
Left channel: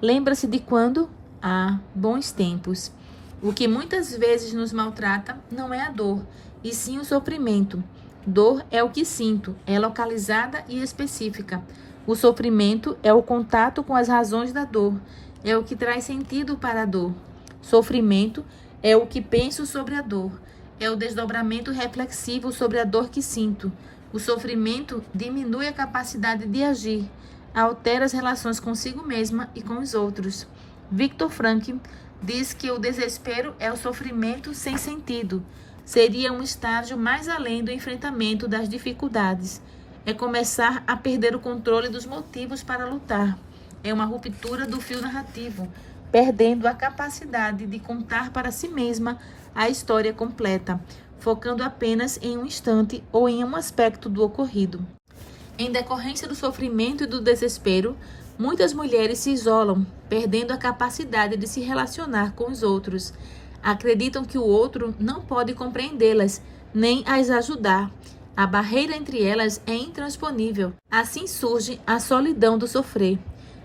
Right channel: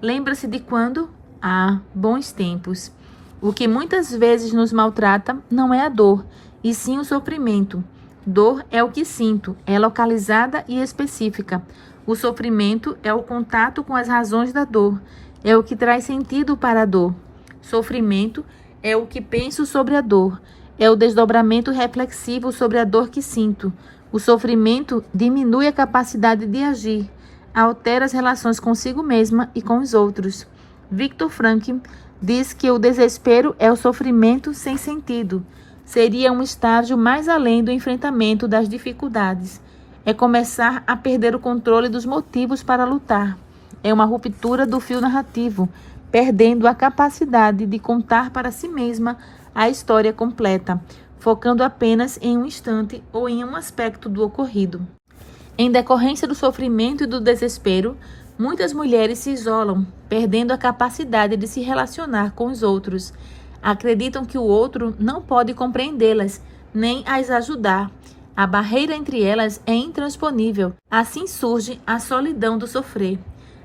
Lembra-se de quando? Bons tempos. O que muitas vezes nos maltrata não é a dor, e sim o sofrimento. Dor é o que sinto, é localizada e específica. O sofrimento é o contato com as razões da dor, é o que traz sentido para a dor. Sofrimento é o que penso sobre a dor, é o desdobramento reflexivo sobre a dor que sinto. O sofrimento diminui a capacidade de agir, altera as relações consigo mesma e com os outros. Viktor Frankl diz que o desespero é o sofrimento sem sentido. Seria um estágio mais além do enfrentamento das dificuldades. É começar a perder o controle dos motivos para lutar. É uma ruptura do fio narrativo, perdendo a capacidade de contar para si mesma a história completa, focando apenas em um instante ou em um aspecto do ocorrido. Em decorrência do sofrimento e do desespero, muitas mulheres se isolam, perdendo a capacidade de se relacionar com os outros. Acreditam que o outro não pode compreendê-las, nem as ajudar. A barreira entre elas é intransponível. Assim surge a solidão do sofrer.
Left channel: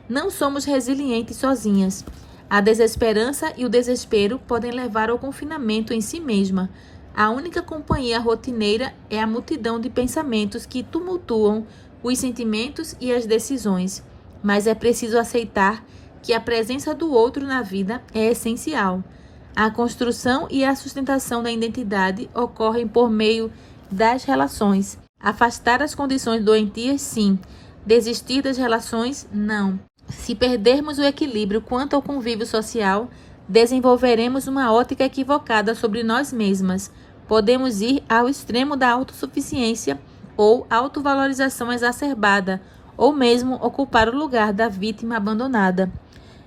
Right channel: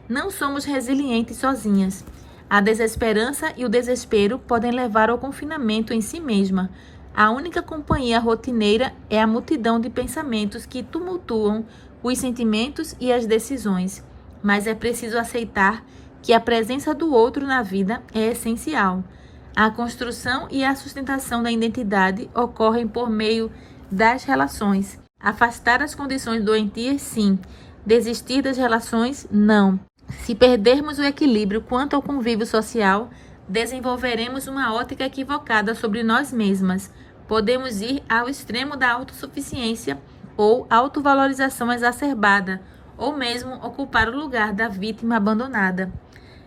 Não somos resilientes sozinhas. A desesperança e o desespero podem levar ao confinamento em si mesma. A única companhia rotineira é a multidão de pensamentos que tumultuam os sentimentos e as decisões. Mas é preciso aceitar que a presença do outro na vida é essencial. A construção e a sustentação da identidade ocorrem por meio das relações. Afastar as condições doentias, sim. Desistir das relações, não. Se perdermos o equilíbrio quanto ao convívio social, desenvolveremos uma ótica equivocada sobre nós mesmas. Podemos ir ao extremo da autossuficiência ou autovalorização exacerbada, ou mesmo ocupar o lugar da vítima abandonada.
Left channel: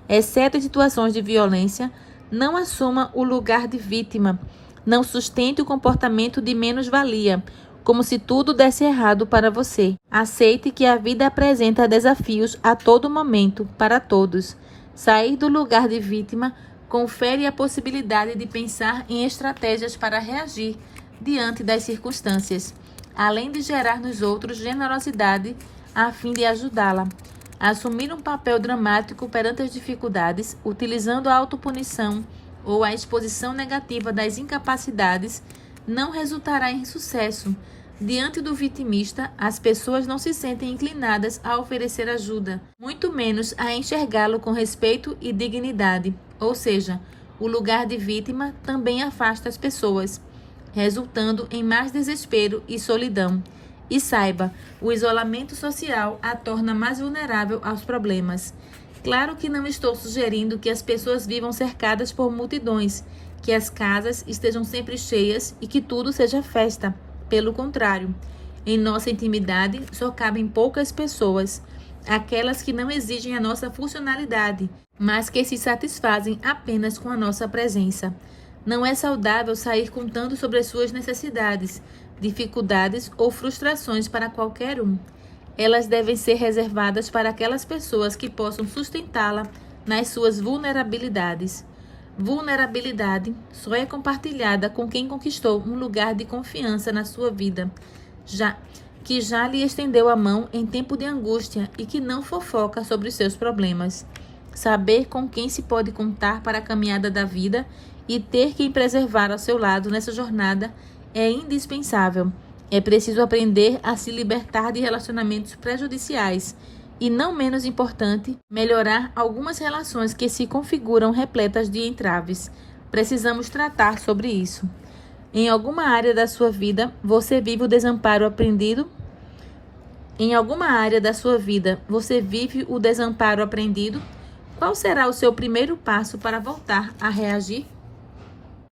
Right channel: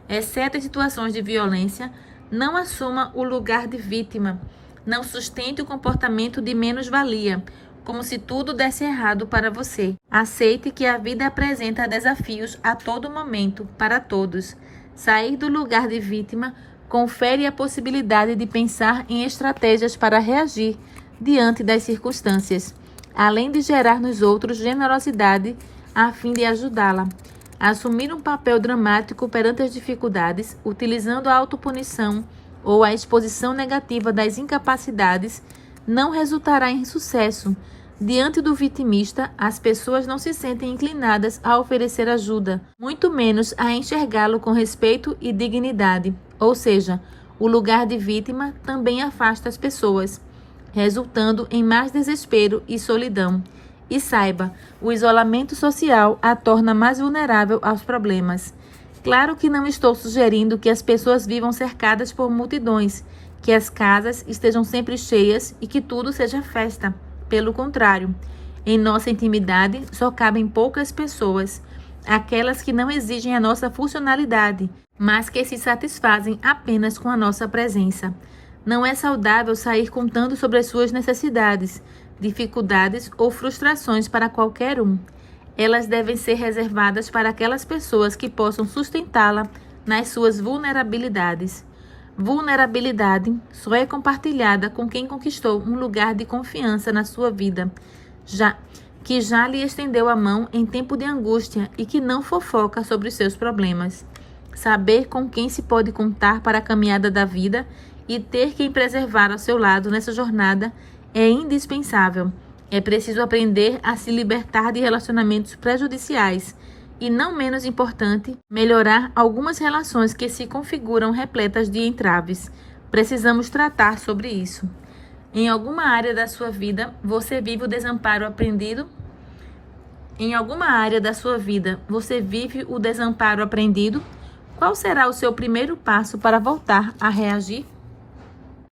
Exceto em situações de violência, não assuma o lugar de vítima. Não sustente o comportamento de menos-valia, como se tudo desse errado para você. Aceite que a vida apresenta desafios a todo momento, para todos. Sair do lugar de vítima confere a possibilidade de pensar em estratégias para reagir diante das circunstâncias, além de gerar nos outros generosidade a fim de ajudá-la. Assumir um papel dramático perante as dificuldades, utilizando a autopunição ou a exposição negativa das incapacidades, não resultará em sucesso. Diante do vitimista, as pessoas não se sentem inclinadas a oferecer ajuda, muito menos a enxergá-lo com respeito e dignidade. Ou seja, o lugar de vítima também afasta as pessoas, resultando em mais desespero e solidão. E saiba, o isolamento social a torna mais vulnerável aos problemas. Claro que não estou sugerindo que as pessoas vivam cercadas por multidões, que as casas estejam sempre cheias e que tudo seja festa. Pelo contrário, em nossa intimidade só cabem poucas pessoas. aquelas que não exigem a nossa funcionalidade, mas que se satisfazem apenas com a nossa presença. Não é saudável sair contando sobre as suas necessidades, dificuldades ou frustrações para qualquer um. Elas devem ser reservadas para aquelas pessoas que possam sustentá-la nas suas vulnerabilidades. Vulnerabilidade só é compartilhada com quem conquistou um lugar de confiança na sua vida, que já lhe estendeu a mão em tempo de angústia e que não fofoca sobre os seus problemas. Saber com quem se pode contar para a caminhada da vida e ter quem preservar ao seu lado nessa jornada é indispensável. É preciso aprender a se libertar de relacionamentos prejudiciais e, não menos importante, melhorar algumas relações que se configuram repletas de entraves. Precisamos tratar sobre isso. Em alguma área da sua vida, você vive o desamparo aprendido? Em alguma área da sua vida, você vive o desamparo aprendido? Qual será o seu primeiro passo para voltar a reagir?